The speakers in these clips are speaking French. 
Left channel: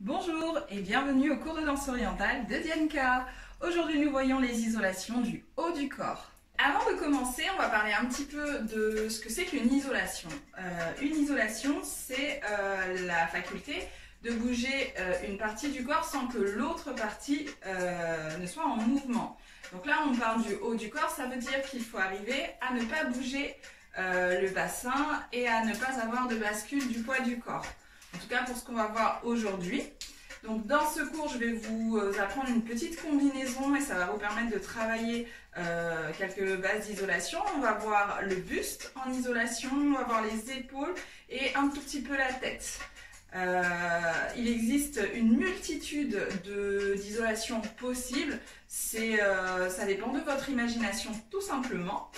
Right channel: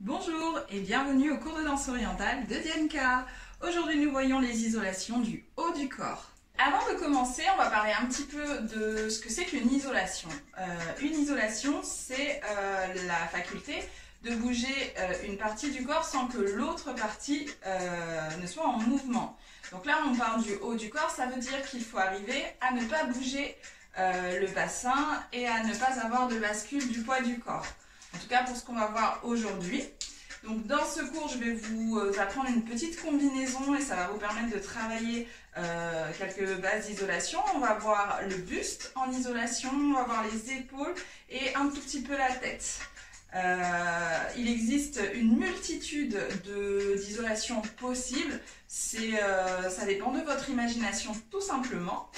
Bonjour et bienvenue au cours de danse orientale de Dianka. Aujourd'hui nous voyons les isolations du haut du corps. Avant de commencer, on va parler un petit peu de ce que c'est qu'une isolation. Une isolation, c'est la faculté de bouger une partie du corps sans que l'autre partie ne soit en mouvement. Donc là on parle du haut du corps, ça veut dire qu'il faut arriver à ne pas bouger le bassin et à ne pas avoir de bascule du poids du corps. En tout cas pour ce qu'on va voir aujourd'hui. Donc dans ce cours, je vais vous apprendre une petite combinaison et ça va vous permettre de travailler quelques bases d'isolation. On va voir le buste en isolation, on va voir les épaules et un tout petit peu la tête. Il existe une multitude d'isolations possibles. Ça dépend de votre imagination tout simplement.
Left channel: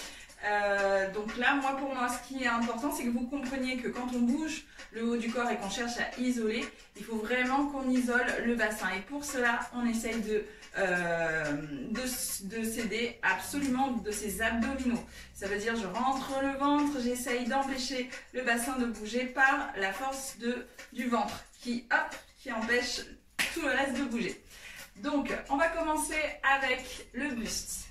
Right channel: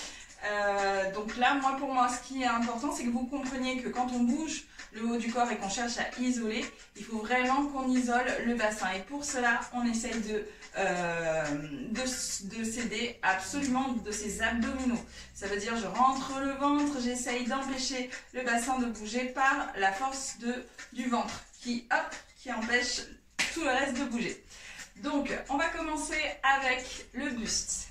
Donc là, pour moi, ce qui est important, c'est que vous compreniez que quand on bouge le haut du corps et qu'on cherche à isoler, il faut vraiment qu'on isole le bassin. Et pour cela, on essaye de s'aider absolument de ses abdominaux. Ça veut dire, je rentre le ventre, j'essaye d'empêcher le bassin de bouger par la force du ventre qui empêche tout le reste de bouger. Donc, on va commencer avec le buste.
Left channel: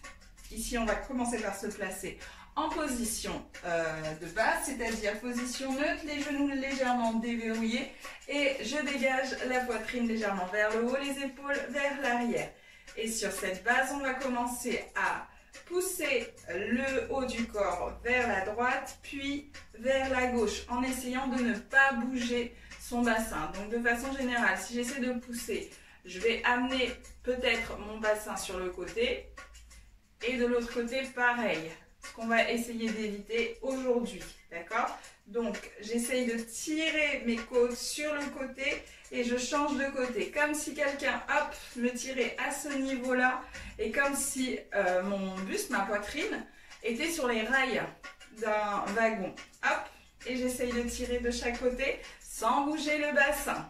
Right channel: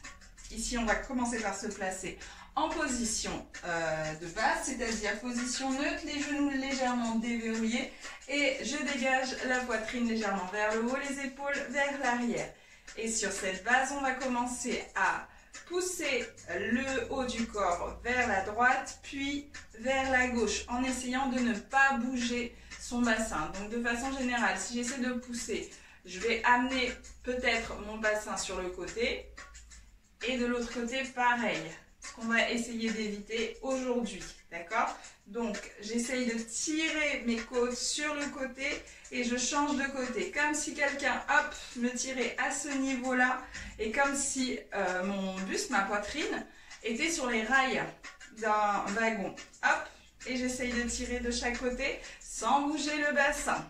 Ici, on va commencer par se placer en position de base, c'est-à-dire position neutre, les genoux légèrement déverrouillés et je dégage la poitrine légèrement vers le haut, les épaules vers l'arrière. Et sur cette base, on va commencer à pousser le haut du corps vers la droite, puis vers la gauche, en essayant de ne pas bouger son bassin. Donc de façon générale, si j'essaie de pousser, je vais amener peut-être mon bassin sur le côté et de l'autre côté, pareil. Ce qu'on va essayer d'éviter aujourd'hui, d'accord? Donc, j'essaye de tirer mes côtes sur le côté et je change de côté. Comme si quelqu'un, me tirait à ce niveau-là et comme si mon buste, ma poitrine, était sur les rails d'un wagon. Et j'essaye de tirer de chaque côté sans bouger le bassin.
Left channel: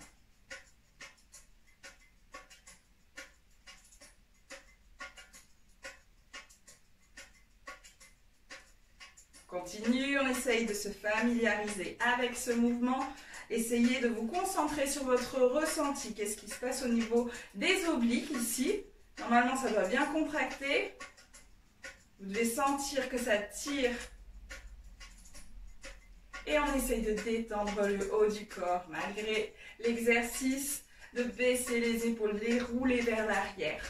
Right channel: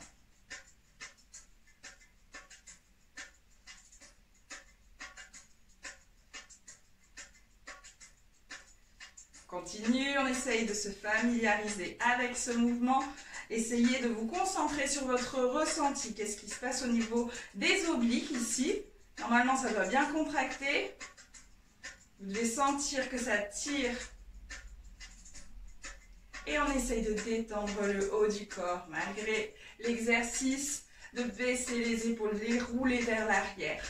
Continue, on essaye de se familiariser avec ce mouvement. Essayez de vous concentrer sur votre ressenti. Qu'est-ce qui se passe au niveau des obliques ici? Normalement, ça doit bien contracter. Vous devez sentir que ça tire. Et on essaye de détendre le haut du corps malgré l'exercice de baisser les épaules, de les rouler vers l'arrière.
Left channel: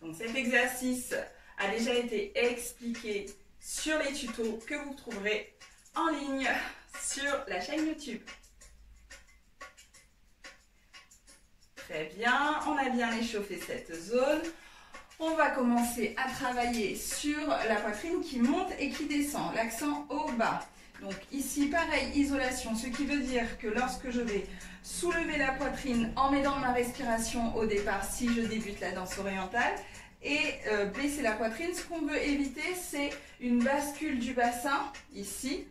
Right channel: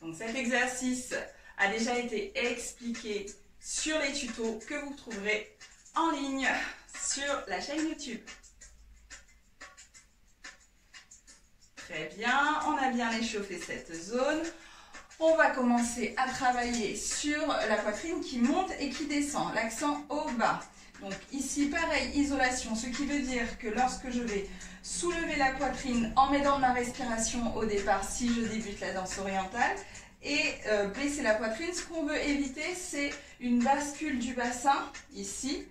Donc cet exercice a déjà été expliqué sur les tutos que vous trouverez en ligne sur la chaîne YouTube. Très bien, on a bien échauffé cette zone. On va commencer à travailler sur la poitrine qui monte et qui descend, l'accent au bas. Donc ici, pareil, isolation, ce qui veut dire que lorsque je vais soulever la poitrine en m'aidant de ma respiration au départ, si je débute la danse orientale, et baisser la poitrine, ce qu'on veut éviter, c'est une bascule du bassin, ici,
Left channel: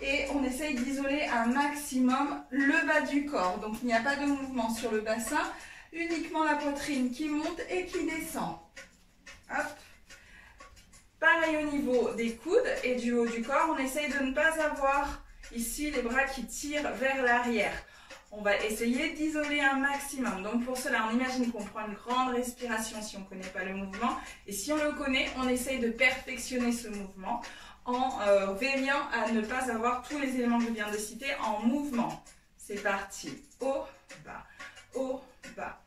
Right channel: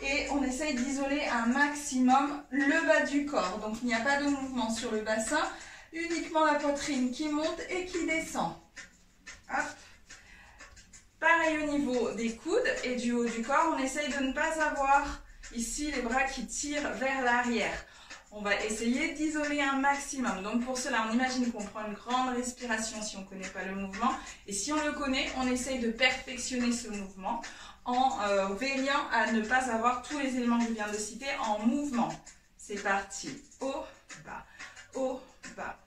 et on essaye d'isoler un maximum le bas du corps. Donc il n'y a pas de mouvement sur le bassin, uniquement la poitrine qui monte et qui descend. Hop. Pareil au niveau des coudes et du haut du corps, on essaye de ne pas avoir ici les bras qui tirent vers l'arrière. On va essayer d'isoler un maximum. Donc pour cela, on imagine qu'on prend une grande respiration si on ne connaît pas le mouvement. Et si on le connaît, on essaye de perfectionner ce mouvement en veillant à ne pas avoir tous les éléments que je viens de citer en mouvement. C'est parti. Haut, bas, haut, bas,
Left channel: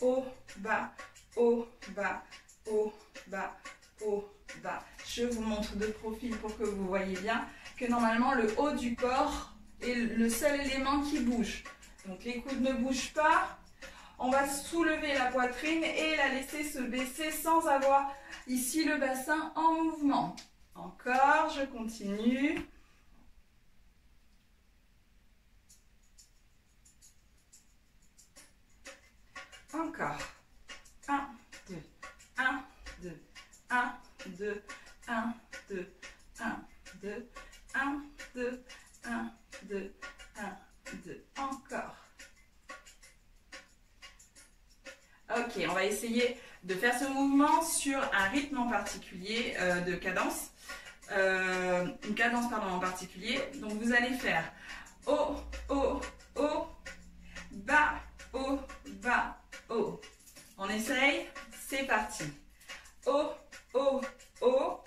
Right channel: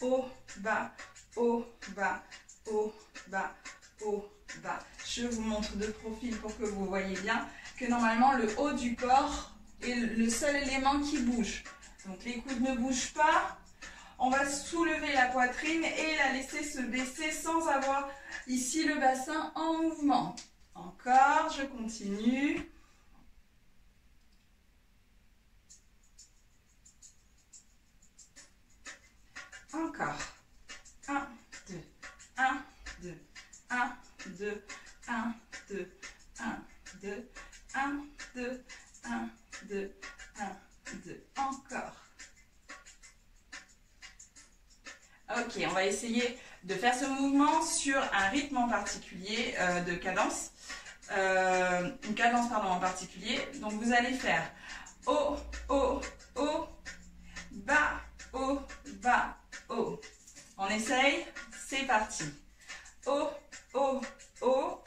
haut, bas, haut, bas, haut, bas, haut, bas. Je vous montre de profil pour que vous voyez bien que normalement le haut du corps est le seul élément qui bouge. Donc les coudes ne bougent pas. On va soulever la poitrine et la laisser se baisser sans avoir ici le bassin en mouvement. Encore, je continue. Encore. 1, 2, 1, 2, 1, 2, 1, 2, 1, 2, 1, 2, 1, 2, 1, 2. Encore. Ok, on va essayer de faire ce mouvement sur un rythme en particulier de cadence. une cadence pardon, en particulier. Donc vous allez faire haut, haut, haut, bas, haut, bas, haut. On essaye, c'est parti. Haut, haut, haut,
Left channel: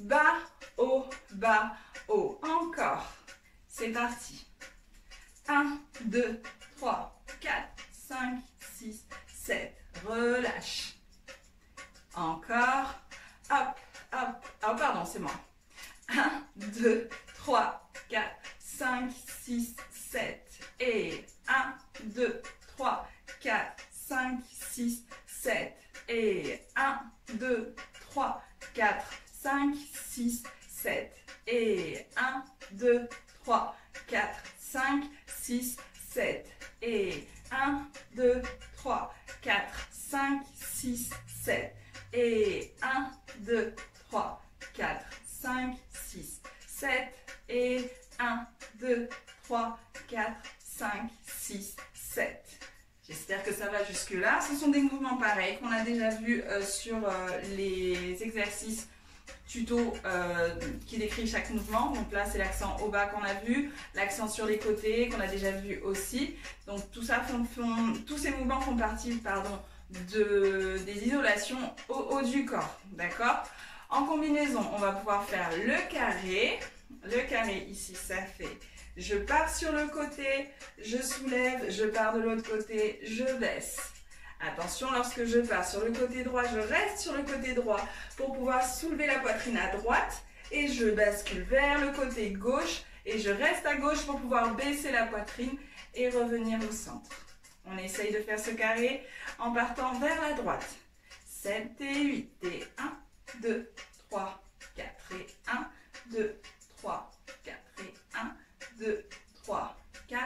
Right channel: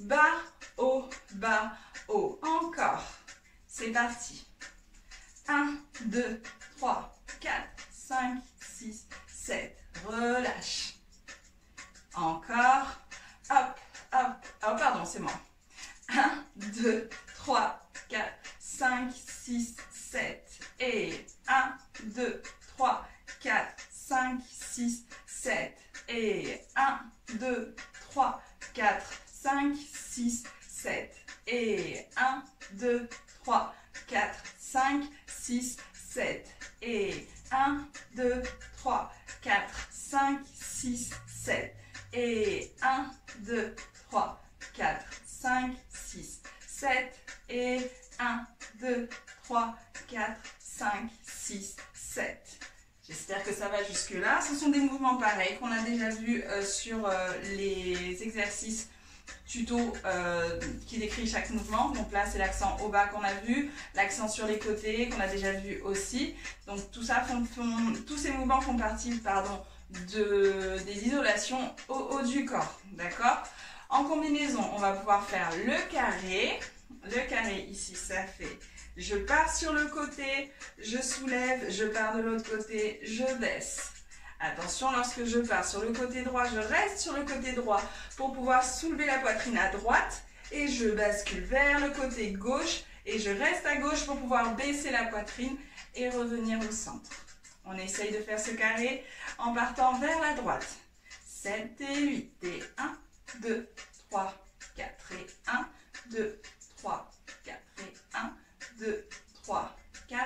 bas, haut, bas, haut. Encore, c'est parti. 1, 2, 3, 4, 5, 6, 7. Relâche. Encore. Hop, hop. Oh, pardon, c'est moi. 1, 2, 3, 4, 5, 6, 7. Et 1, 2, 3, 4, 5, 6, 7. Et 1, 2, 3, 4, 5, 6, 7. Et 1, 2, 3, 4, 5, 6, 7. Et 1, 2, 3, 4, 5, 6, 7. Et 1, 2, 3, 4, 5, 6, 7. Et 1, 2, 3, 4, 5, 6, 7. J'espère que ça va jusque là. Ce sont des mouvements pareils qu'on a déjà vus sur les exercices tuto qui décrit chaque mouvement. Donc là, c'est l'accent au bas qu'on a vu, l'accent sur les côtés qu'on a déjà vu aussi. Donc tout ça tous ces mouvements font partie des isolations au haut du corps. D'accord? En combinaison, on va pouvoir faire le carré. Le carré ici, ça fait je pars sur le côté, je soulève, je pars de l'autre côté, je baisse. Attention, lorsque je pars sur le côté droit, je reste sur le côté droit pour pouvoir soulever la poitrine à droite et je bascule vers le côté gauche et je reste à gauche pour pouvoir baisser la poitrine et revenir au centre. On essaye de faire ce carré en partant vers la droite. 7 et 8 et 1, 2, 3, 4 et 1, 2, 3, 4 et 1, 2, 3, 4,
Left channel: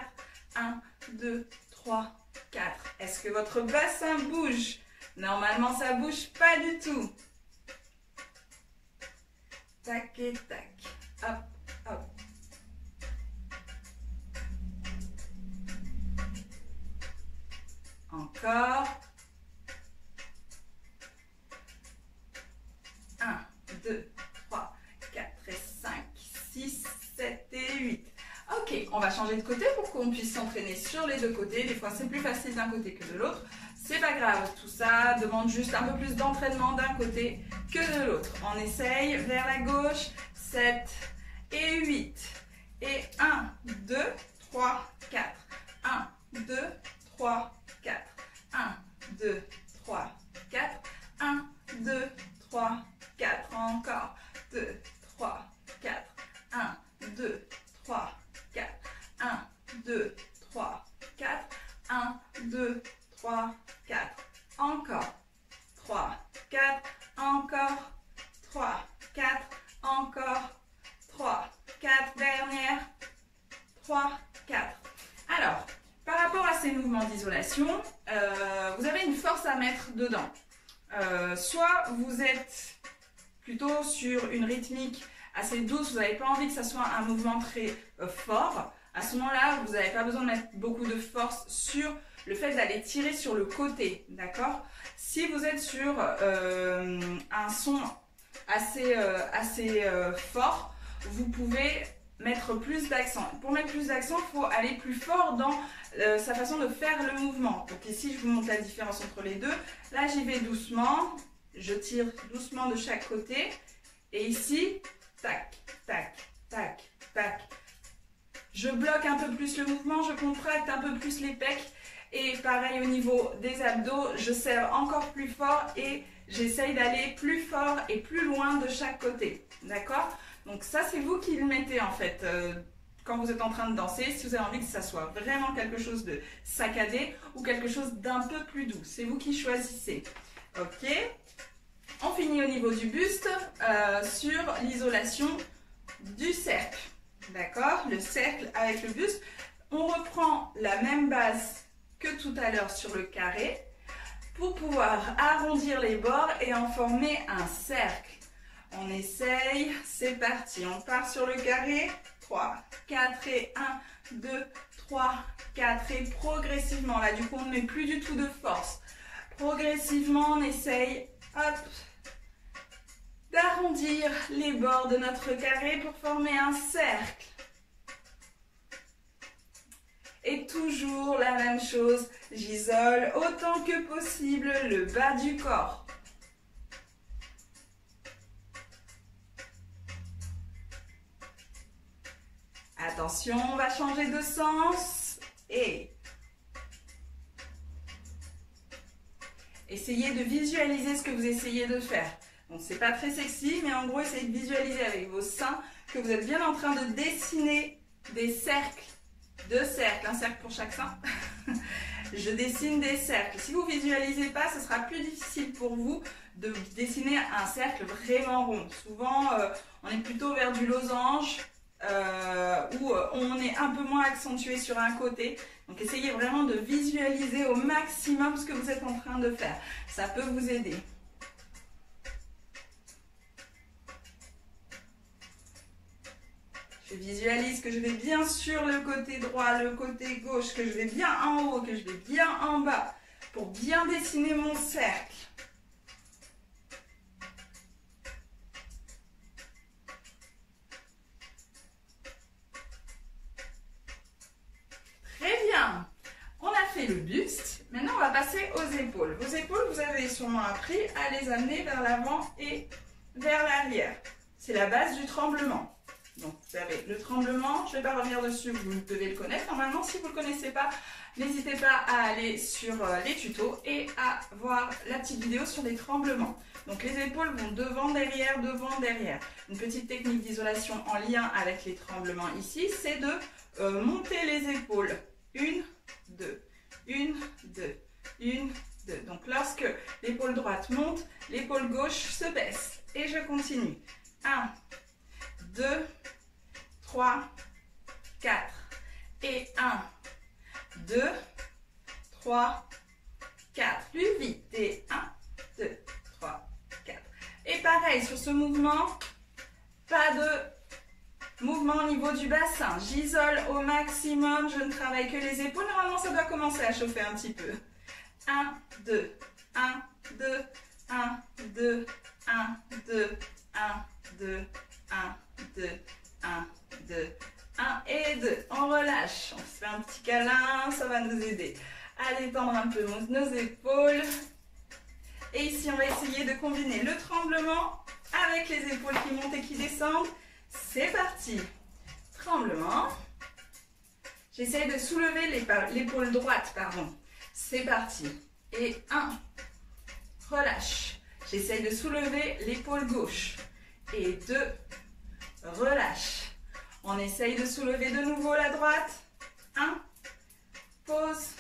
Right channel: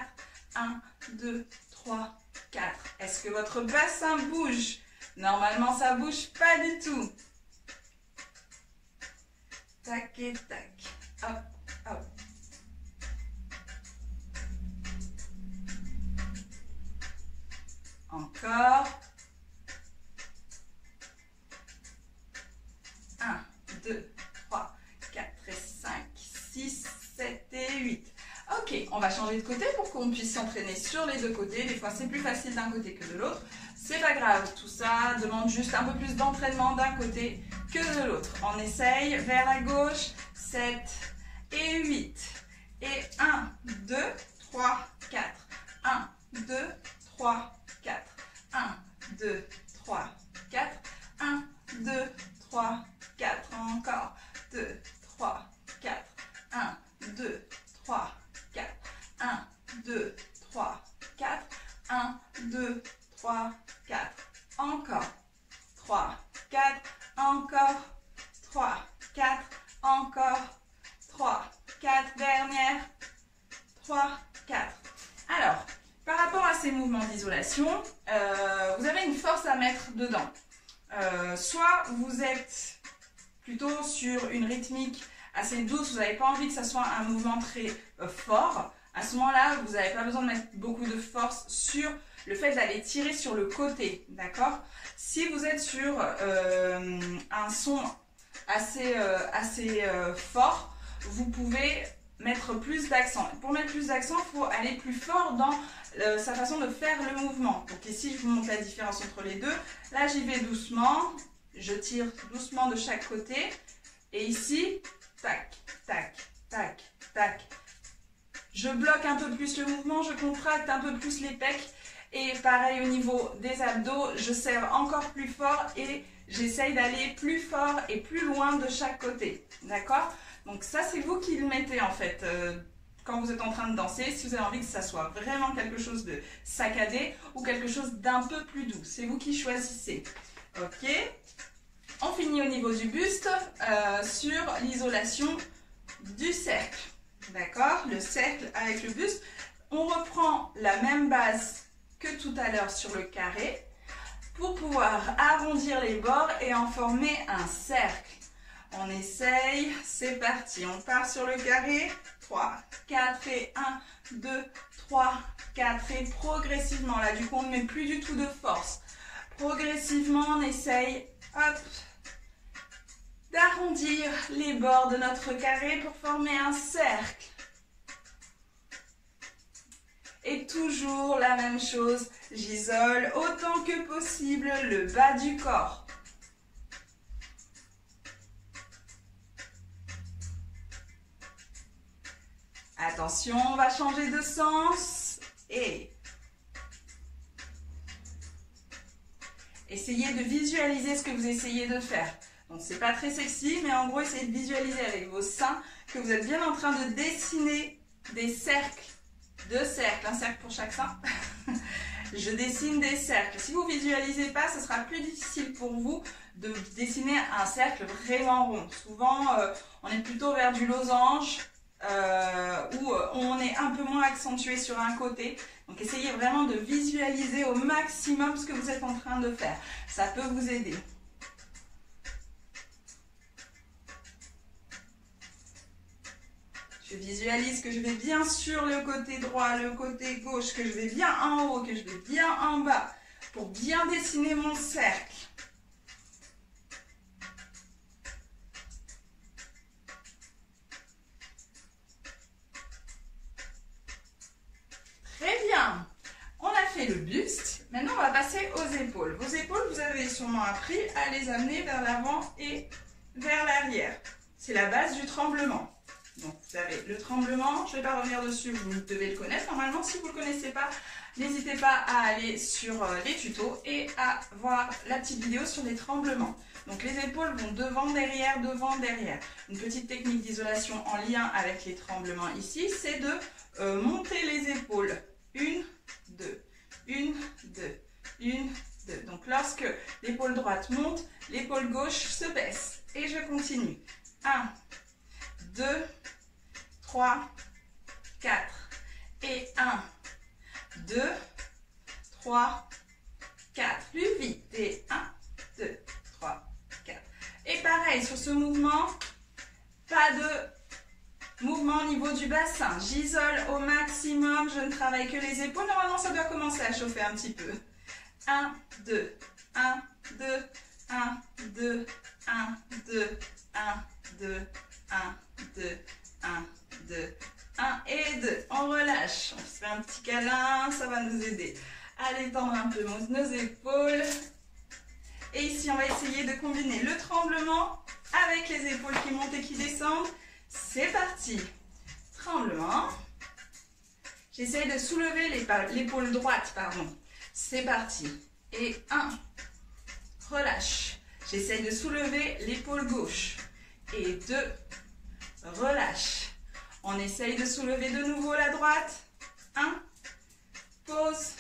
1, 2, 3, 4. Est-ce que votre bassin bouge? Normalement, ça ne bouge pas du tout. Tac et tac. Hop, hop. Encore. 1, 2, 3, 4 et 5, 6, 7 et 8. Ok, on va changer de côté pour qu'on puisse s'entraîner sur les deux côtés. Des fois, c'est plus facile d'un côté que de l'autre. C'est pas grave, tout ça demande juste un peu plus d'entraînement d'un côté que de l'autre. On essaye vers la gauche, 7 et 8. Et 1, 2, 3, 4. 1, 2, 3, 4. 1, 2, 3, 4. 1, 2, 3, 4. Encore. 2, 3, 4. 1, 2, 3, 4. 1, 2, 3, 4. 1, 2, 3, 4. Encore. 3, 4. Encore. 3, 4. Encore. 3, 4. Dernière. 3, 4. Alors, par rapport à ces mouvements d'isolation, vous avez une force à mettre dedans. Soit vous êtes plutôt sur une rythmique assez douce, vous n'avez pas envie que ça soit un mouvement très fort. À ce moment-là, vous n'avez pas besoin de mettre beaucoup de force sur le fait d'aller tirer sur le côté, d'accord? Si vous êtes sur un son assez fort, vous pouvez mettre plus d'accent. Pour mettre plus d'accent, il faut aller plus fort dans sa façon de faire le mouvement. Donc ici, je vous montre la différence entre les deux. Là, j'y vais doucement. Je tire doucement de chaque côté. Et ici, tac, tac, tac, tac. Je bloque un peu plus le mouvement, je contracte un peu plus les pecs. Et pareil au niveau des abdos, je serre encore plus fort et j'essaye d'aller plus fort et plus loin de chaque côté. D'accord? Donc ça, c'est vous qui le mettez en fait quand vous êtes en train de danser. Si vous avez envie que ça soit vraiment quelque chose de saccadé ou quelque chose d'un peu plus doux. C'est vous qui choisissez. Ok? On finit au niveau du buste sur l'isolation du cercle. D'accord? Le cercle avec le buste. On reprend la même base que tout à l'heure sur le carré pour pouvoir arrondir les bords et en former un cercle. On essaye, c'est parti. On part sur le carré. 3, 4 et 1, 2, 3, 4 et progressivement. Là, du coup, on ne met plus du tout de force. Progressivement, on essaye, hop, arrondir les bords de notre carré pour former un cercle. Et toujours la même chose, j'isole autant que possible le bas du corps. Attention, on va changer de sens et essayez de visualiser ce que vous essayez de faire. Donc c'est pas très sexy, mais en gros essayez de visualiser avec vos seins que vous êtes bien en train de dessiner des cercles. 2 cercles, un cercle pour chaque sein. Je dessine des cercles. Si vous ne visualisez pas, ce sera plus difficile pour vous de dessiner un cercle vraiment rond. Souvent, on est plutôt vers du losange où on est un peu moins accentué sur un côté. Donc, essayez vraiment de visualiser au maximum ce que vous êtes en train de faire. Ça peut vous aider. Je visualise que je vais bien sur le côté droit, le côté gauche, que je vais bien en haut, que je vais bien en bas, pour bien dessiner mon cercle. Très bien. On a fait le buste. Maintenant, on va passer aux épaules. Vos épaules, vous avez sûrement appris à les amener vers l'avant et vers l'arrière. C'est la base du tremblement. Donc, vous avez le tremblement, je ne vais pas revenir dessus, vous devez le connaître. Normalement, si vous ne le connaissez pas, n'hésitez pas à aller sur les tutos et à voir la petite vidéo sur les tremblements. Donc, les épaules vont devant, derrière, devant, derrière. Une petite technique d'isolation en lien avec les tremblements ici, c'est de monter les épaules. 1, 2, 1, 2, 1, 2. Donc, lorsque l'épaule droite monte, l'épaule gauche se baisse. Et je continue. 1, 2, 3, 4. Et 1, 2, 3, 4. Plus vite. Et 1, 2, 3, 4. Et pareil, sur ce mouvement, pas de mouvement au niveau du bassin. J'isole au maximum, je ne travaille que les épaules. Normalement, ça doit commencer à chauffer un petit peu. 1, 2, 1, 2, 1, 2, 1, 2, 1, 2, 1, 2, 1, 2, 1 et 2. On relâche. On se fait un petit câlin, ça va nous aider à détendre un peu nos épaules. Et ici, on va essayer de combiner le tremblement avec les épaules qui montent et qui descendent. C'est parti. Tremblement. J'essaye de soulever l'épaule droite, pardon. C'est parti. Et 1. Relâche. J'essaye de soulever l'épaule gauche. Et 2. Relâche. On essaye de soulever de nouveau la droite. 1. Pause.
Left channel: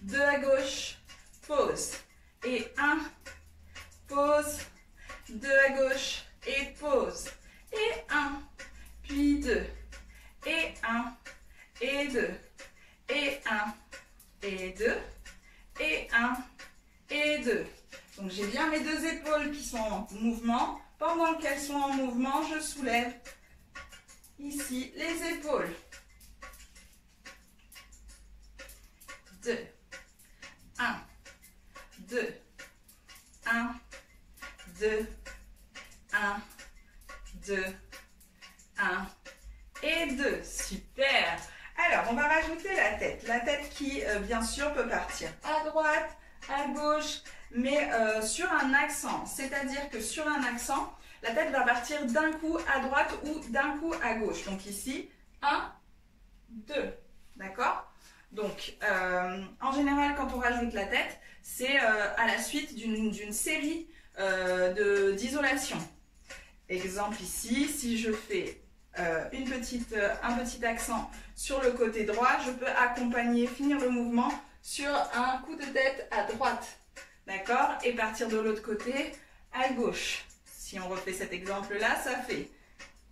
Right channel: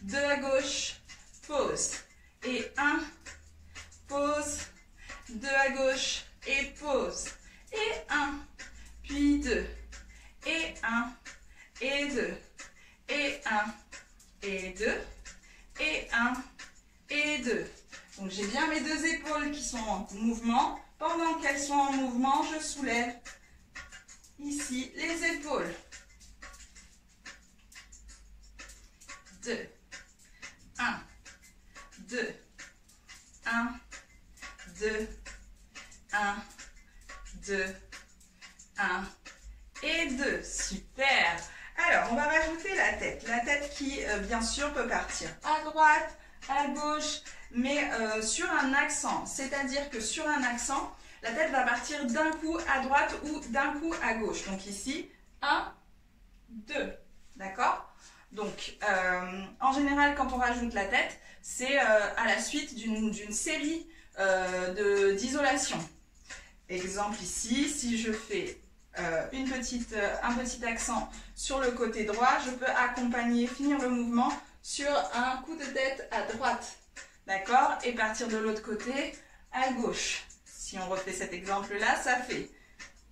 2 à gauche. Pause. Et 1. Pause. 2 à gauche. Et pause. Et 1. Puis 2. Et 1. Et 2. Et 1. Et 2. Et 1. Et 2. Donc j'ai bien mes 2 épaules qui sont en mouvement. Pendant qu'elles sont en mouvement, je soulève ici les épaules. 2. 1. 2. 1. 2. 1. 2. 1. Et 2. Super. Alors, on va rajouter la tête. La tête qui, bien sûr, peut partir à droite, à gauche, mais sur un accent. C'est-à-dire que sur un accent, la tête va partir d'un coup à droite ou d'un coup à gauche. Donc ici, 1, 2. D'accord? Donc, en général, quand on rajoute la tête, c'est à la suite d'une série d'isolation. Exemple ici, si je fais un petit accent sur le côté droit, je peux accompagner, finir le mouvement sur un coup de tête à droite. D'accord? Et partir de l'autre côté à gauche. Si on refait cet exemple-là, ça fait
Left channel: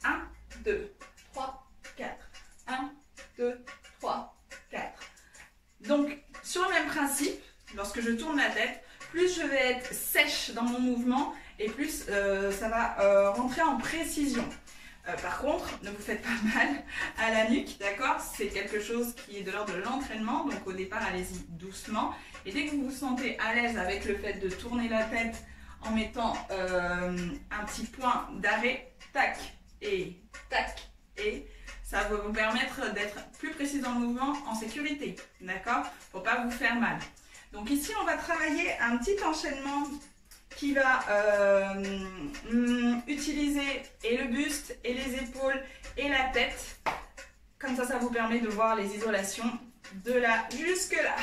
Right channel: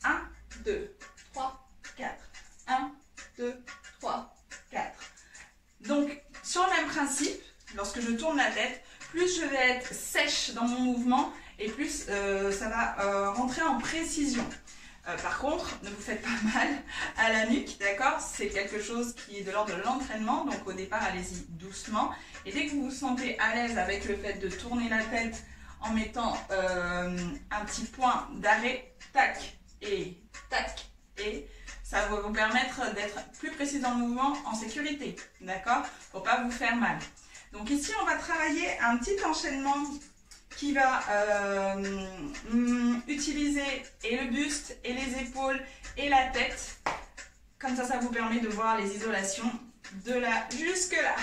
1, 2, 3, 4. 1, 2, 3, 4. Donc, sur le même principe, lorsque je tourne la tête, plus je vais être sèche dans mon mouvement et plus ça va rentrer en précision. Par contre, ne vous faites pas mal à la nuque, d'accord? C'est quelque chose qui est de l'ordre de l'entraînement, donc au départ, allez-y doucement. Et dès que vous vous sentez à l'aise avec le fait de tourner la tête en mettant un petit point d'arrêt, tac, et ça va vous permettre d'être plus précis dans le mouvement en sécurité, d'accord? Pour pas vous faire mal. Donc ici, on va travailler un petit enchaînement qui va utiliser et le buste, et les épaules, et la tête. Comme ça vous permet de voir les isolations de là jusque là.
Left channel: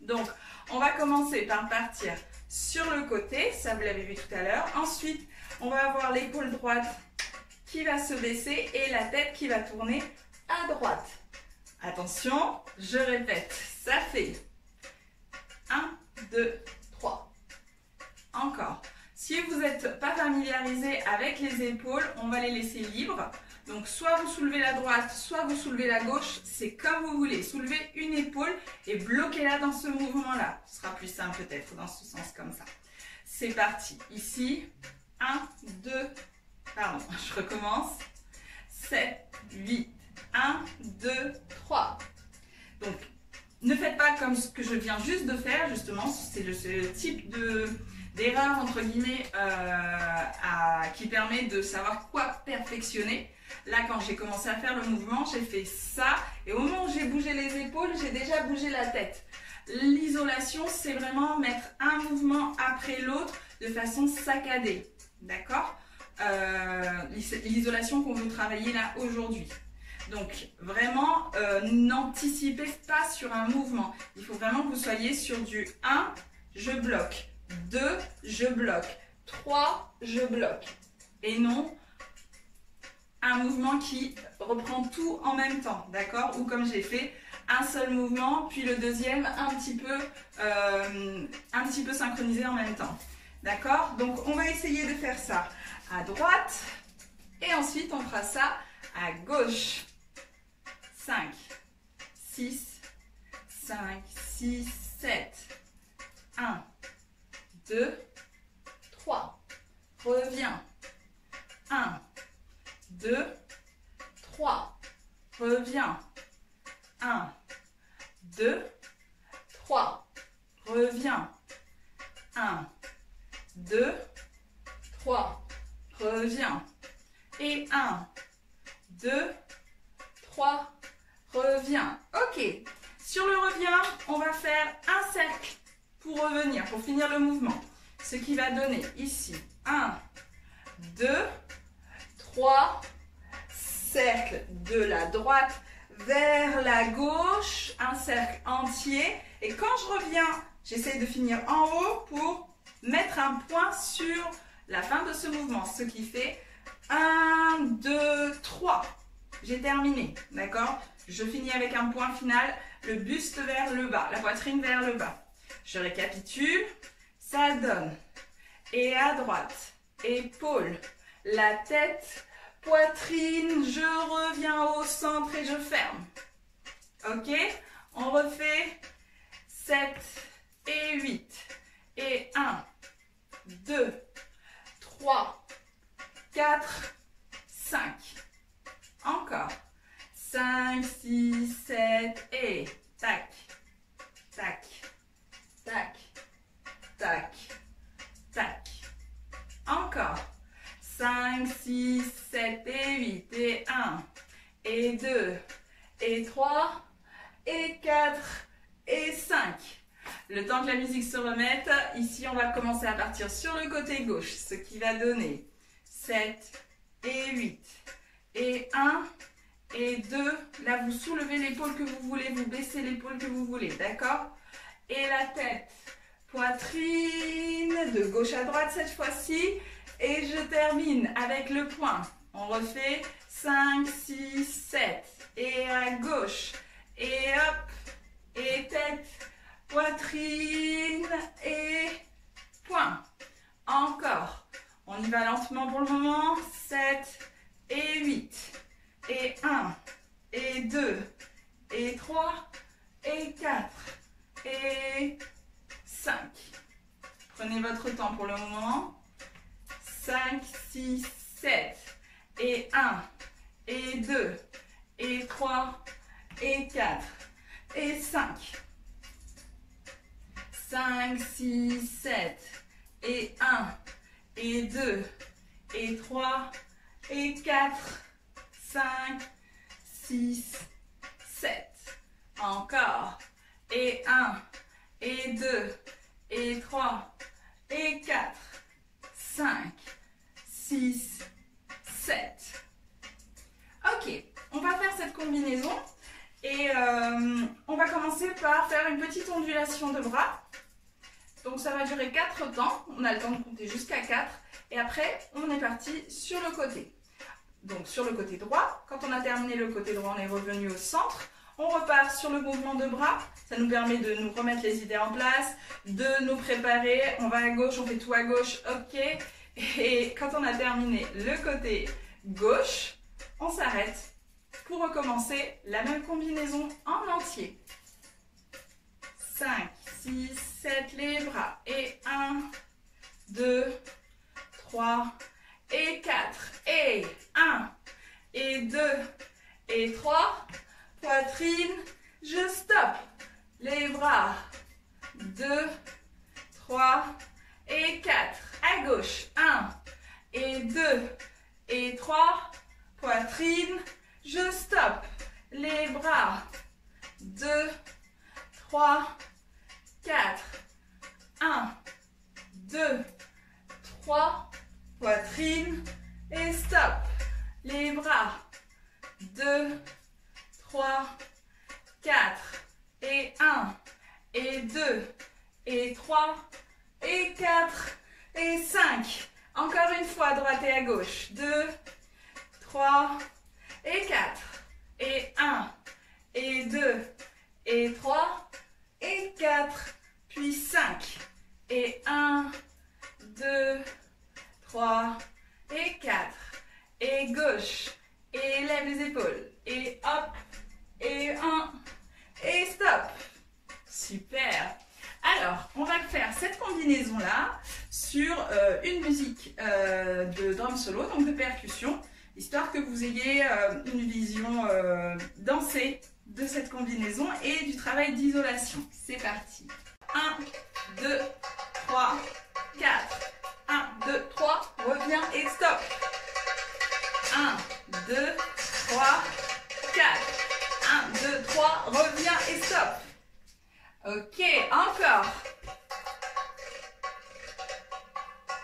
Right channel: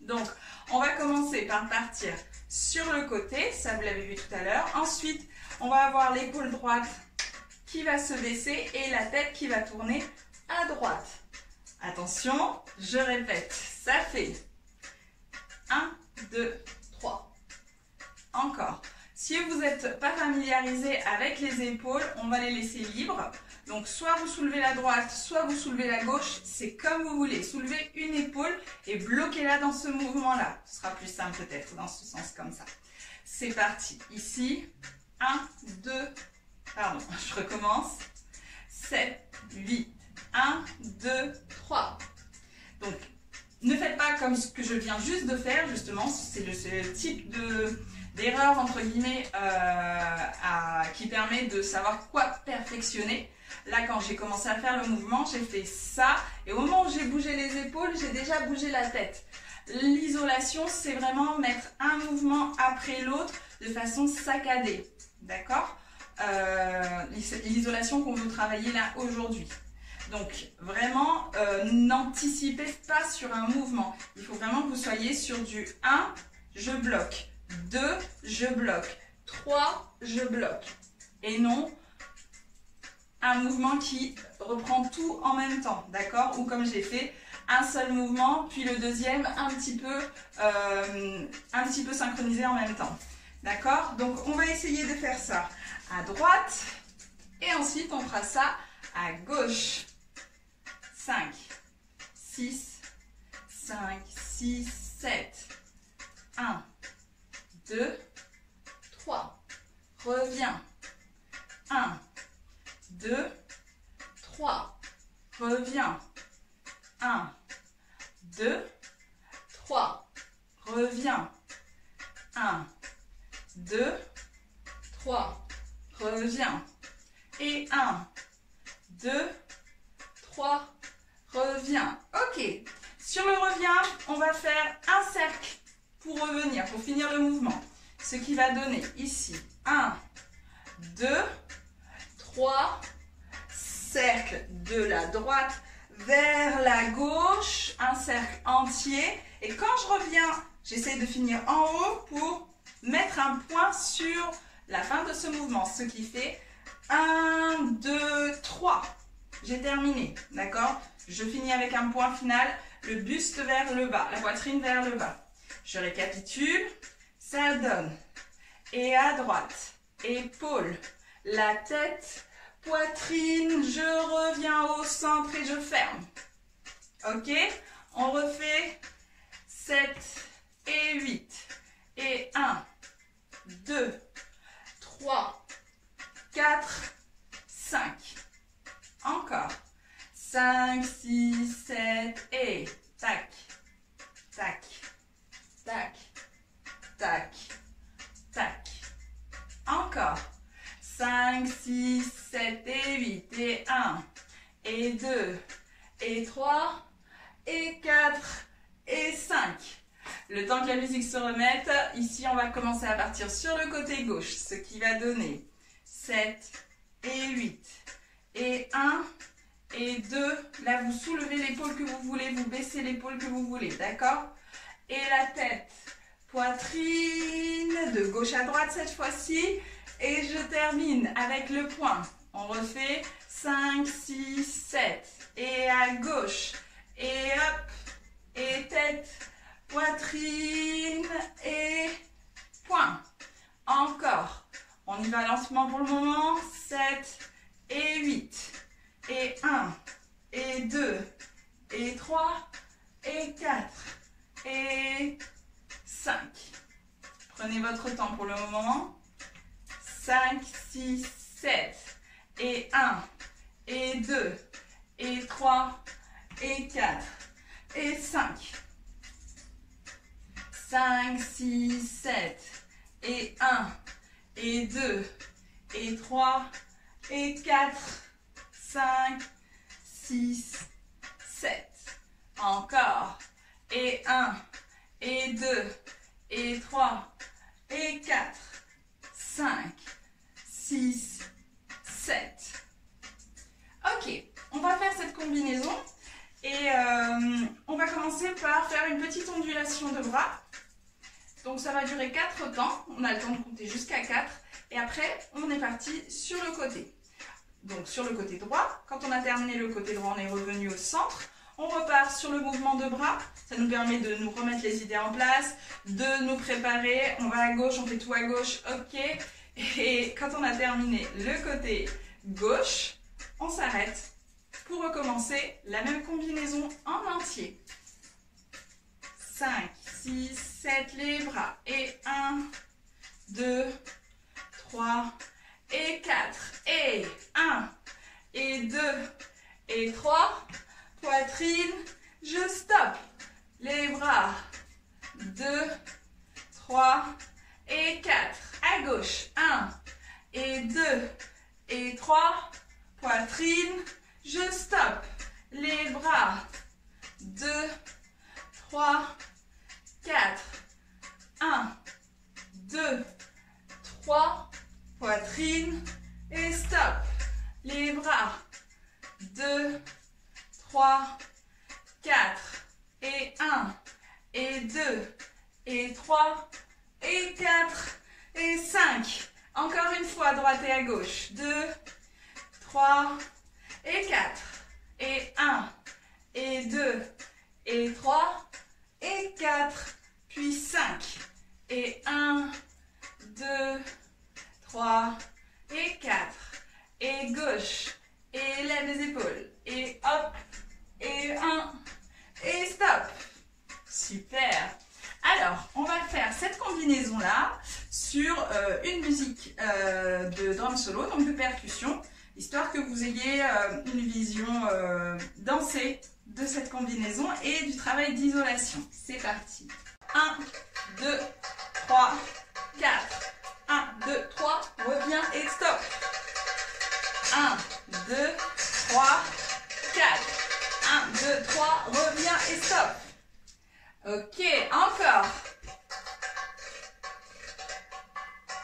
Donc, on va commencer par partir sur le côté, ça vous l'avez vu tout à l'heure. Ensuite, on va avoir l'épaule droite qui va se baisser et la tête qui va tourner à droite. Attention, je répète, ça fait 1, 2, 3. Encore. Si vous n'êtes pas familiarisé avec les épaules, on va les laisser libres. Donc, soit vous soulevez la droite, soit vous soulevez la gauche, c'est comme vous voulez. Soulevez une épaule et bloquez-la dans ce mouvement-là. Ce sera plus simple peut-être dans ce sens comme ça. C'est parti. Ici, 1, 2, pardon, je recommence. 7, 8, 1, 2, 3. Donc, ne faites pas comme ce que je viens juste de faire, justement. C'est ce type d'erreur, entre guillemets, qui permet de savoir quoi perfectionner. Là, quand j'ai commencé à faire le mouvement, j'ai fait ça. Et au moment où j'ai bougé les épaules, j'ai déjà bougé la tête. L'isolation, c'est vraiment mettre un mouvement après l'autre de façon saccadée. D'accord? L'isolation qu'on veut travailler là aujourd'hui. Donc, vraiment, n'anticipez pas sur un mouvement. Il faut vraiment que vous soyez sur du 1, je bloque. 2, je bloque. 3, je bloque. Et non un mouvement qui reprend tout en même temps, d'accord? Ou comme j'ai fait, un seul mouvement, puis le deuxième un petit peu synchronisé en même temps. D'accord? Donc, on va essayer de faire ça à droite. Et ensuite, on fera ça à gauche. 5, 6, 5, 6, 7. 1, 2, 3. Reviens. 1, 2, 3. Reviens. 1, 2, 3. Reviens. 1, 2, 3. Reviens. Et 1, 2, 3. Reviens. Ok. Sur le revient, on va faire un cercle pour revenir, pour finir le mouvement. Ce qui va donner ici 1, 2, 3, cercle de la droite vers la gauche, un cercle entier. Et quand je reviens, j'essaie de finir en haut pour mettre un point sur la fin de ce mouvement. Ce qui fait 1, 2, 3. J'ai terminé, d'accord? Je finis avec un point final, le buste vers le bas, la poitrine vers le bas. Je récapitule, ça donne. Et à droite, épaule, la tête, poitrine, je reviens au centre et je ferme. Ok? On refait 7 et 8. Et 1, 2, 3, 4, 5. Encore. 5, 6, 7 et tac, tac, tac, tac, tac. Encore. 5, 6, 7 et 8 et 1 et 2 et 3 et 4 et 5. Le temps que la musique se remette, ici on va commencer à partir sur le côté gauche, ce qui va donner 7 et 8 et 1 et 2. Là vous soulevez l'épaule que vous voulez, vous baissez l'épaule que vous voulez, d'accord? Et la tête, poitrine, de gauche à droite cette fois-ci. Et je termine avec le point. On refait 5, 6, 7. Et à gauche. Et hop. Et tête, poitrine et point. Encore. On y va lentement pour le moment. 7 et 8. Et 1. Et 2. Et 3. Et 4. Et 5. Prenez votre temps pour le moment. 5, 6, 7, et 1, et 2, et 3, et 4, et 5. 5, 6, 7, et 1, et 2, et 3, et 4, 5, 6, 7. Encore. Et 1, et 2, et 3, et 4, 5, 6, 7. Ok, on va faire cette combinaison et on va commencer par faire une petite ondulation de bras. Donc ça va durer 4 temps, on a le temps de compter jusqu'à 4 et après on est parti sur le côté. Donc sur le côté droit, quand on a terminé le côté droit, on est revenu au centre. On repart sur le mouvement de bras, ça nous permet de nous remettre les idées en place, de nous préparer, on va à gauche, on fait tout à gauche, ok. Et quand on a terminé le côté gauche, on s'arrête pour recommencer la même combinaison en entier. 5, 6, 7, les bras, et 1, 2, 3, et 4, et 1, et 2, et 3, poitrine, je stoppe, les bras, 2, 3, et 4, à gauche, 1, et 2, et 3, poitrine, je stoppe, les bras, 2, 3, 4, 1, 2, 3, poitrine, et stop, les bras, 2, 3, 4, et 1, et 2, et 3, et 4, et 5. Encore une fois, à droite et à gauche. 2, 3, et 4, et 1, et 2, et 3, et 4, puis 5, et 1, 2, 3, et 4, et gauche, et lève les épaules, et hop, et 1, et stop. Super. Alors, on va faire cette combinaison-là sur une musique de drum solo, donc de percussion, histoire que vous ayez une vision dansée de cette combinaison et du travail d'isolation. C'est parti. 1, 2, 3, 4. 1, 2, 3, reviens et stop. 1, 2, 3, 4. 1, 2, 3, reviens et stop. Ok, encore.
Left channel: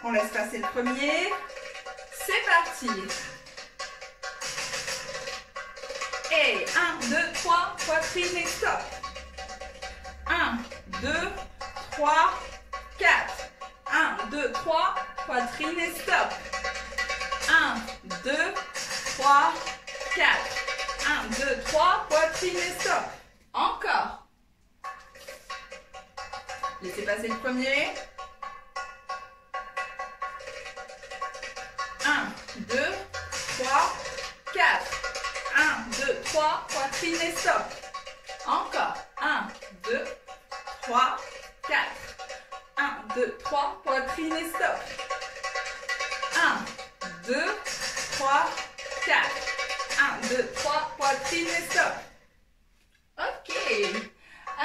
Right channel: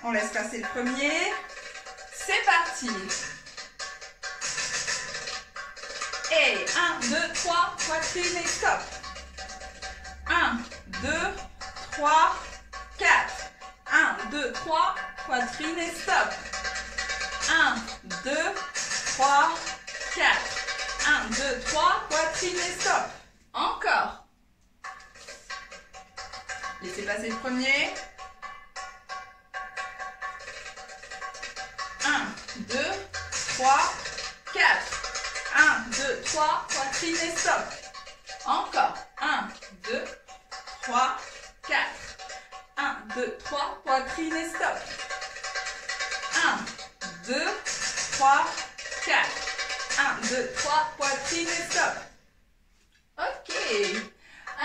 On laisse passer le premier. C'est parti. Et 1, 2, 3, poitrine et stop. 1, 2, 3, 4. 1, 2, 3, poitrine et stop. 1, 2, 3, 4. 1, 2, 3, poitrine et stop. Encore. Laissez passer le premier. 1, 2, 3, 4. 1, 2, 3, poitrine et stop. Encore. 1, 2, 3, 4. 1, 2, 3, poitrine et stop. 1, 2, 3, 4. 1, 2, 3, poitrine et stop. Ok.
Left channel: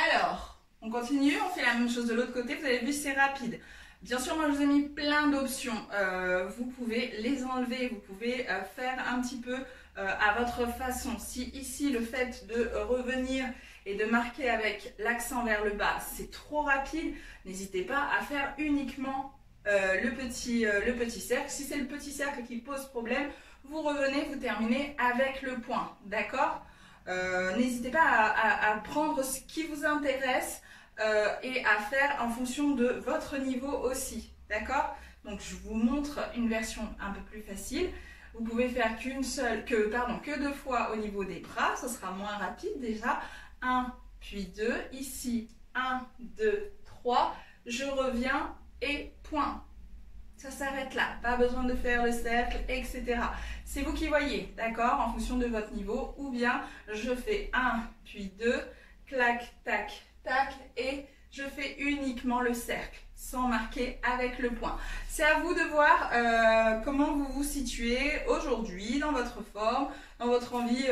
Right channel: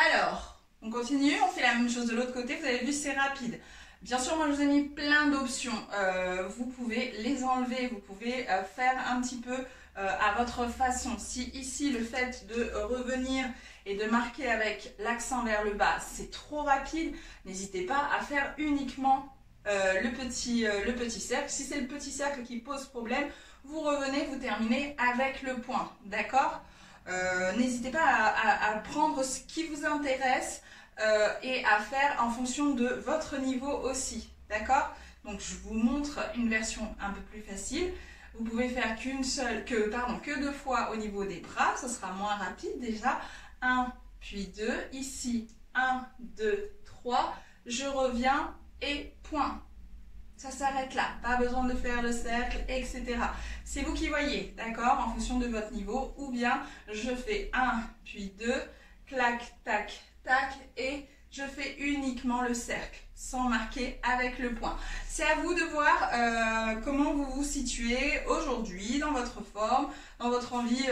Alors, on continue, on fait la même chose de l'autre côté. Vous avez vu, c'est rapide. Bien sûr, moi, je vous ai mis plein d'options. Vous pouvez les enlever, vous pouvez faire un petit peu à votre façon. Si ici, le fait de revenir et de marquer avec l'accent vers le bas, c'est trop rapide, n'hésitez pas à faire uniquement le petit cercle. Si c'est le petit cercle qui pose problème, vous revenez, vous terminez avec le point, d'accord? N'hésitez pas à prendre ce qui vous intéresse et à faire en fonction de votre niveau aussi, d'accord? Donc je vous montre une version un peu plus facile. Vous pouvez faire que 2 fois au niveau des bras, ce sera moins rapide déjà. 1, puis 2, ici 1, 2, 3, je reviens et point. Ça s'arrête là, pas besoin de faire le cercle, etc. C'est vous qui voyez, d'accord, en fonction de votre niveau, ou bien je fais 1, puis 2, clac, tac, tac, et je fais uniquement le cercle, sans marquer avec le point. C'est à vous de voir comment vous vous situez aujourd'hui, dans votre forme, dans votre envie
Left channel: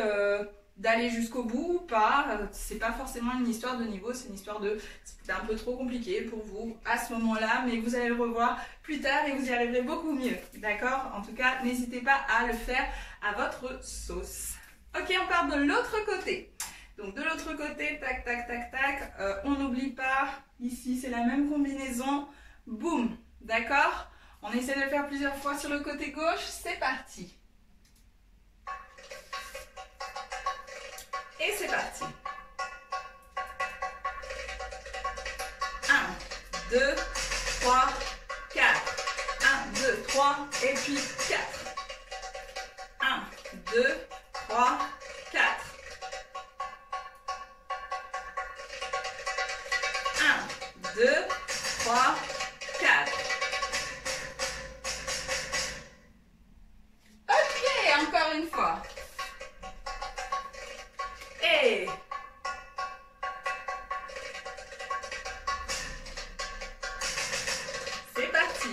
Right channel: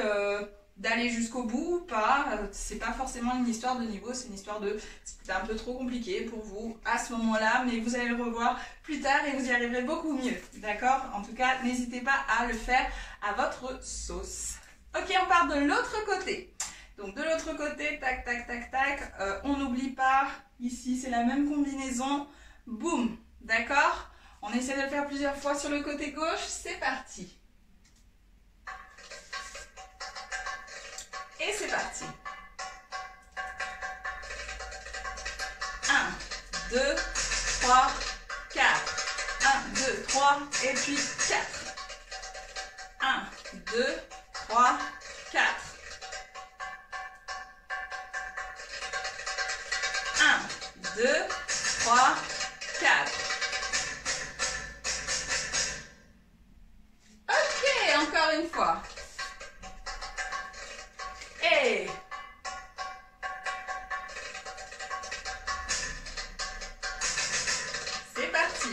d'aller jusqu'au bout ou pas. C'est pas forcément une histoire de niveau, c'est une histoire de c'était un peu trop compliqué pour vous à ce moment-là, mais vous allez le revoir plus tard et vous y arriverez beaucoup mieux. D'accord? En tout cas, n'hésitez pas à le faire à votre sauce. Ok, on part de l'autre côté. Donc de l'autre côté, tac, tac, tac, tac, on n'oublie pas, ici c'est la même combinaison, boum, d'accord? On essaie de le faire plusieurs fois sur le côté gauche, c'est parti. Et c'est parti. 1, 2, 3, 4. 1, 2, 3 et puis 4. 1, 2, 3, 4. 1, 2, 3, 4. Ok, encore une fois. Et c'est parti.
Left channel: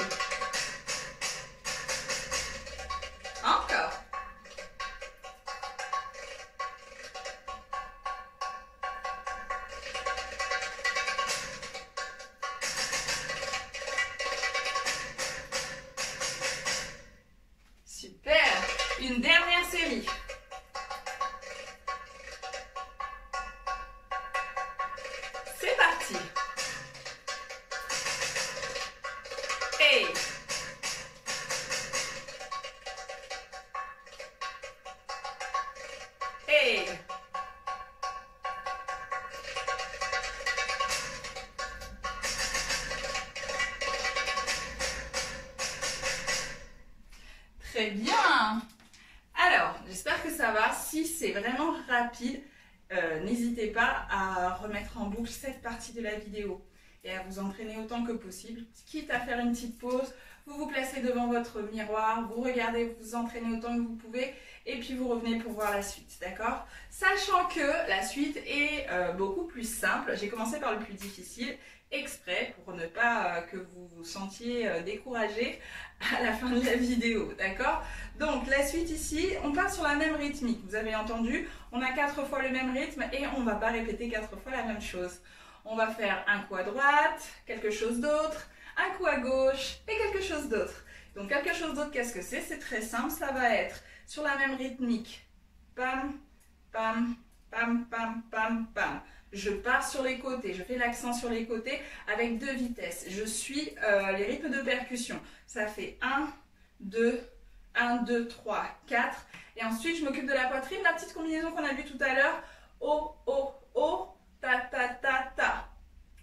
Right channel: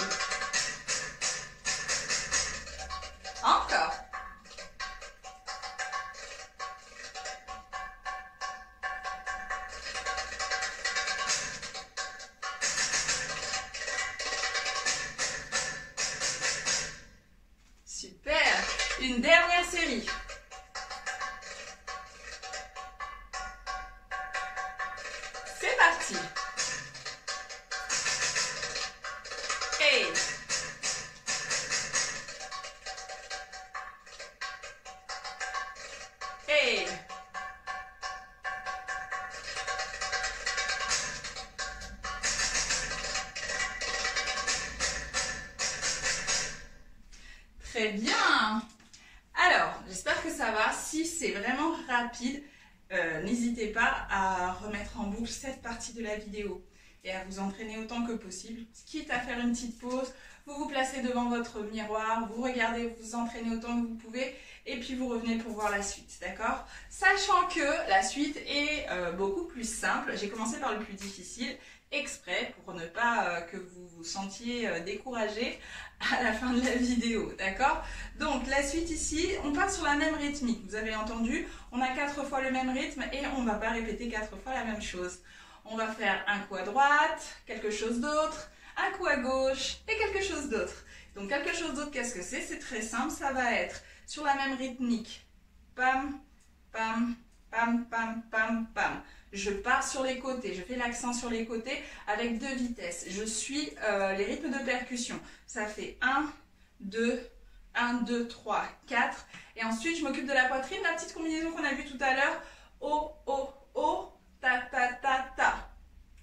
Encore. Super. Une dernière série. C'est parti. Et très bien. Alors, j'espère que ça va. Si c'est vraiment rapide, n'hésitez pas à remettre en boucle cette partie de la vidéo et à vous entraîner autant que possible. Quitte à faire une petite pause, vous vous placez devant votre miroir, vous regardez, vous vous entraînez autant que vous pouvez et puis vous revenez pour voir la suite, d'accord? Sachant que la suite est beaucoup plus simple. J'ai commencé par le plus difficile exprès pour ne pas que vous vous sentiez découragé à la fin de la vidéo, d'accord? Donc la suite ici, on part sur la même rythmique, vous avez entendu, on a 4 fois le même rythme et on ne va pas répéter 4 fois la même chose. On va faire un coup à droite, quelque chose d'autre, un coup à gauche et quelque chose d'autre. Donc quelque chose d'autre, qu'est-ce que c'est? C'est très simple, ça va être sur la même rythmique. Pam, pam, pam, pam, pam, pam. Je pars sur les côtés, je fais l'accent sur les côtés avec 2 vitesses. Je suis les rythmes de percussion. Ça fait 1, 2, 1, 2, 3, 4. Et ensuite, je m'occupe de la poitrine, la petite combinaison qu'on a vue tout à l'heure. O, O, O, ta, ta, ta, ta.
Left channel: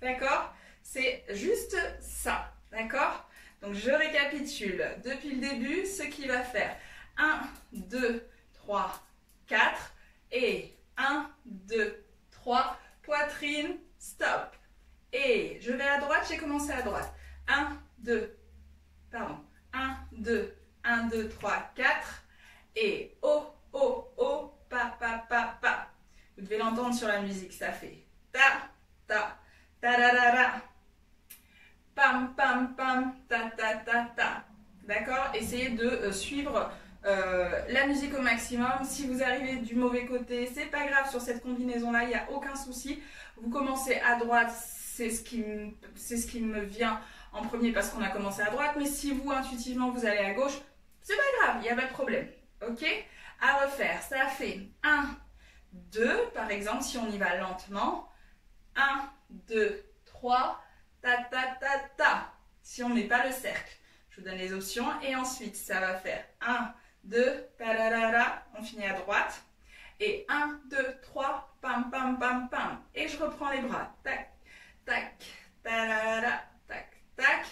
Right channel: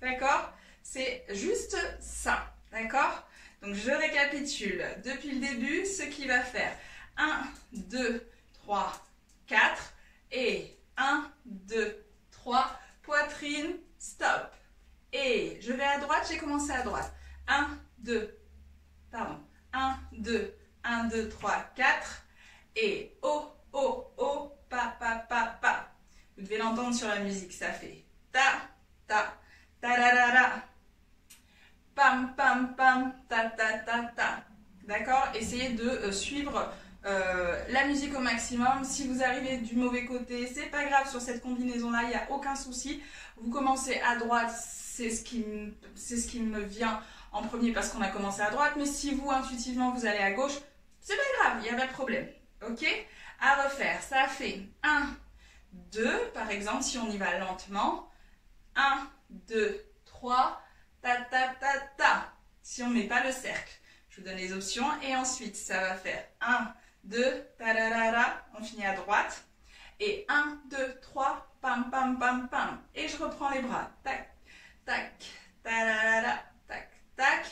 D'accord? C'est juste ça. D'accord? Donc, je récapitule depuis le début ce qui va faire 1, 2, 3, 4. Et 1, 2, 3, poitrine, stop. Et je vais à droite, j'ai commencé à droite. 1, 2, 1, 2, 3, 4. Et O, O, O, pa, pa, pa, pa. Vous devez l'entendre sur la musique, ça fait ta, ta, ta, ra, ra, ra. Pam, pam, pam, ta, ta, ta, ta. D'accord? Essayez de suivre la musique au maximum. Si vous arrivez du mauvais côté, c'est pas grave, sur cette combinaison-là, il n'y a aucun souci. Vous commencez à droite, c'est ce qui me vient en premier parce qu'on a commencé à droite, mais si vous, intuitivement, vous allez à gauche, c'est pas grave, il n'y a pas de problème. Ok? À refaire, ça fait 1, 2, par exemple, si on y va lentement. 1, 2, 3, ta, ta, ta, ta. Si on ne met pas le cercle. Je vous donne les options. Et ensuite, ça va faire 1, 2, ta, ra, ra, ra. On finit à droite. Et 1, 2, 3, pam, pam, pam, pam. Et je reprends les bras. Tac, tac, ta, ra, ra, ra. Tac, tac.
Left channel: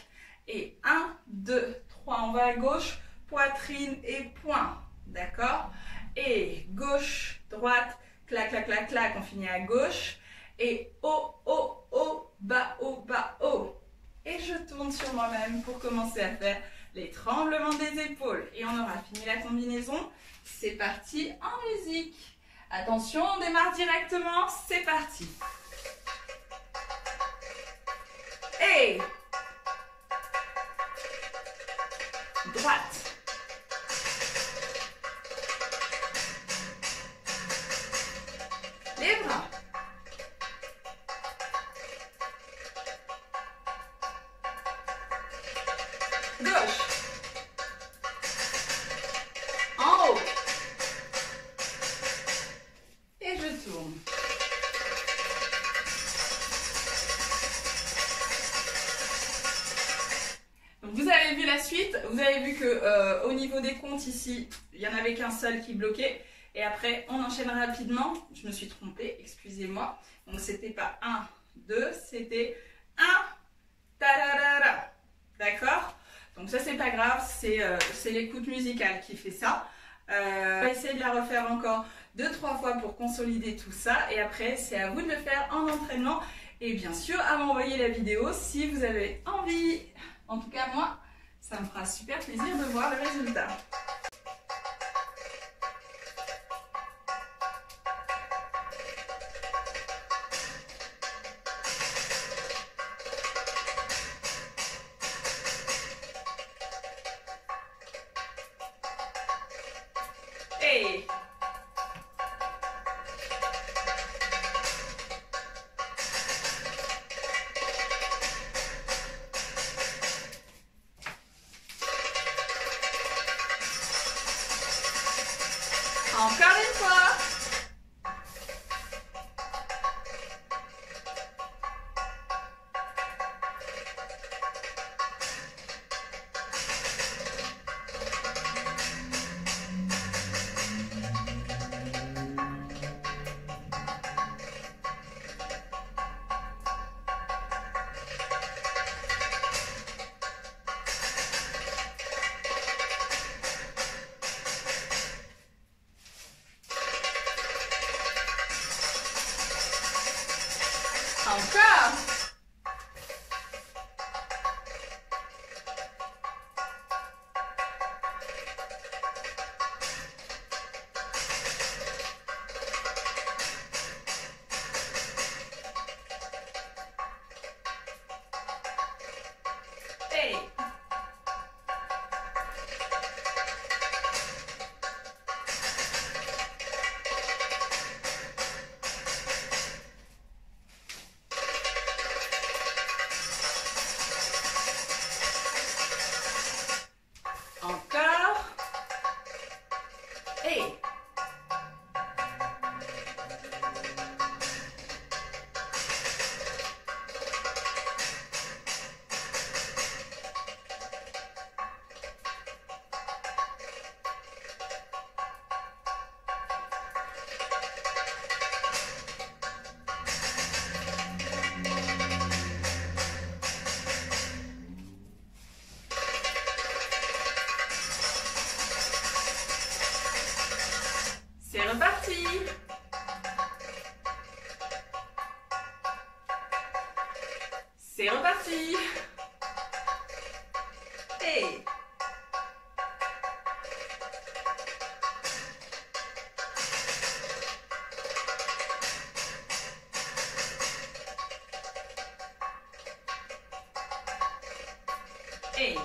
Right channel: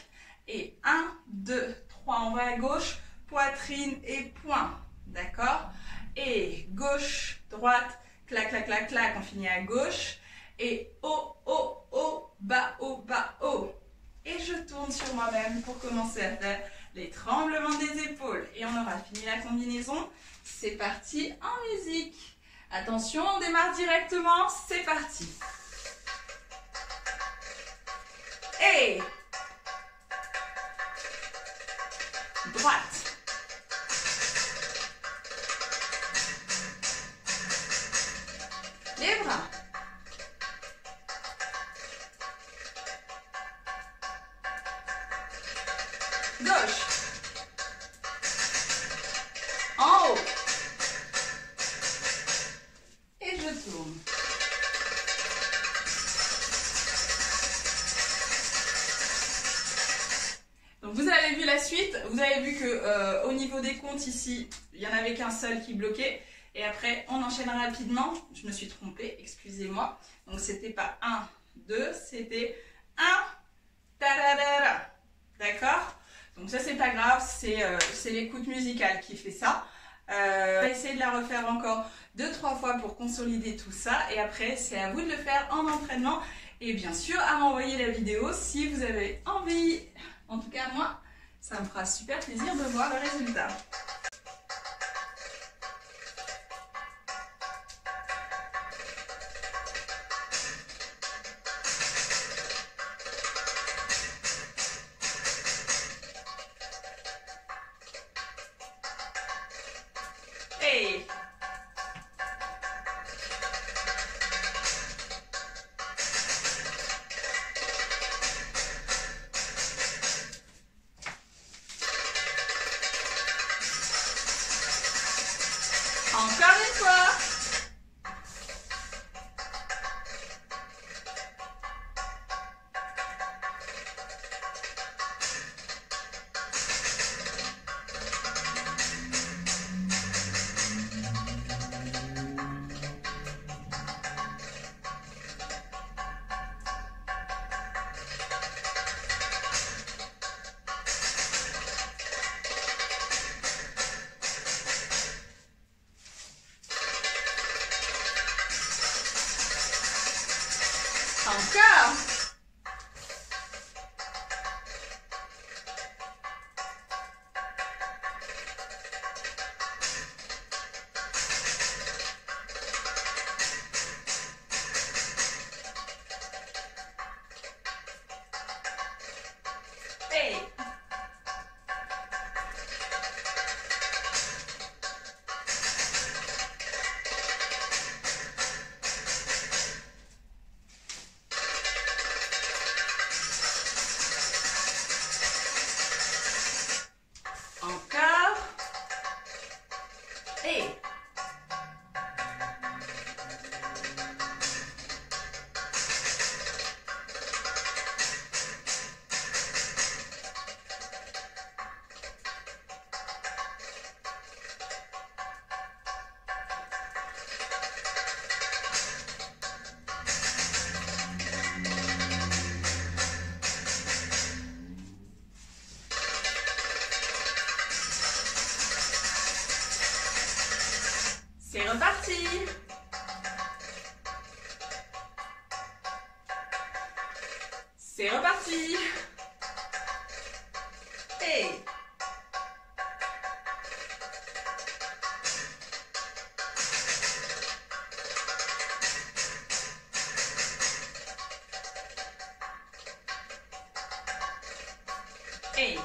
Et 1, 2, 3, on va à gauche. Poitrine et poing. D'accord? Et gauche, droite, clac, clac, clac, clac. On finit à gauche. Et haut, haut, haut, bas, haut, bas, haut. Et je tourne sur moi-même pour commencer à faire les tremblements des épaules. Et on aura fini la combinaison. C'est parti en musique. Attention, on démarre directement. C'est parti. Et droite. les bras. Gauche. En haut. Et je tourne. Donc vous avez vu la suite, vous avez vu que au niveau des comptes ici, il n'y en avait qu'un seul qui bloquait. Et après, on enchaîne rapidement. Je me suis trompée, excusez-moi. Donc c'était pas 1, 2, c'était 1, ta-da-da-da. D'accord? Donc ça, c'est pas grave, c'est l'écoute musicale qui fait ça. On va essayer de la refaire encore 2-3 fois pour consolider tout ça. Et après, c'est à vous de le faire en entraînement. Et bien sûr, à m'envoyer la vidéo si vous avez envie. En tout cas, moi, ça me fera super plaisir de voir le résultat. Hey! Encore une fois. Encore. Hey. Encore. Et c'est reparti. C'est reparti. Hey. Hey.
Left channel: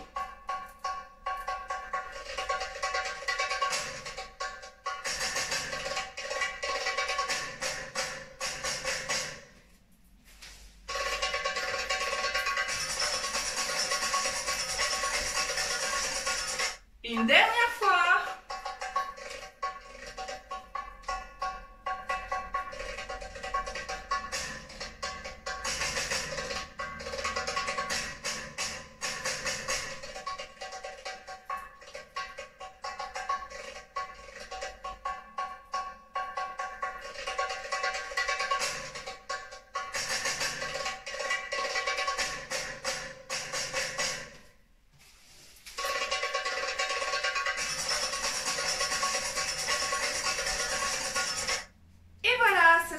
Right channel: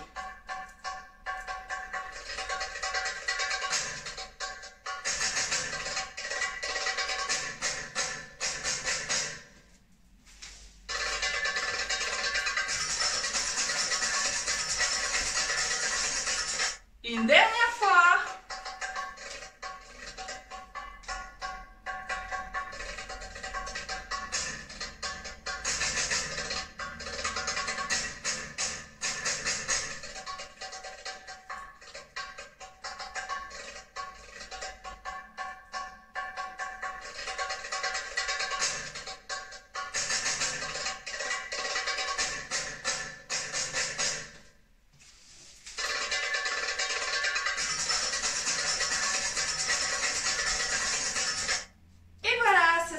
Une dernière fois.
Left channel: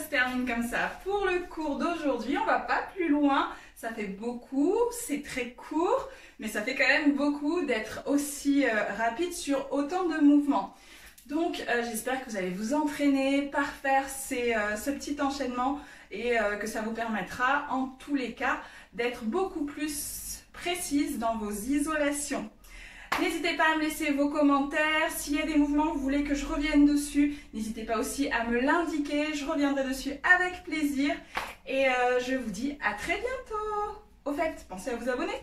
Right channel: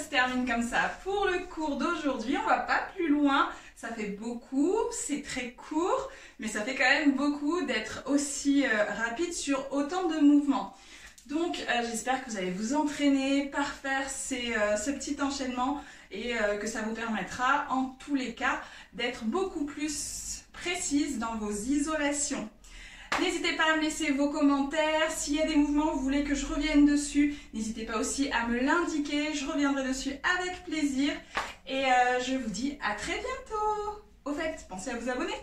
Termine comme ça pour le cours d'aujourd'hui. On va pas plus loin, ça fait beaucoup, c'est très court, mais ça fait quand même beaucoup d'être aussi rapide sur autant de mouvements. Donc j'espère que vous allez vous entraîner par faire ce petit enchaînement et que ça vous permettra en tous les cas d'être beaucoup plus précise dans vos isolations. N'hésitez pas à me laisser vos commentaires. S'il y a des mouvements, vous voulez que je revienne dessus, n'hésitez pas aussi à me l'indiquer. Je reviendrai dessus avec plaisir. Et je vous dis à très bientôt. Au fait, pensez à vous abonner.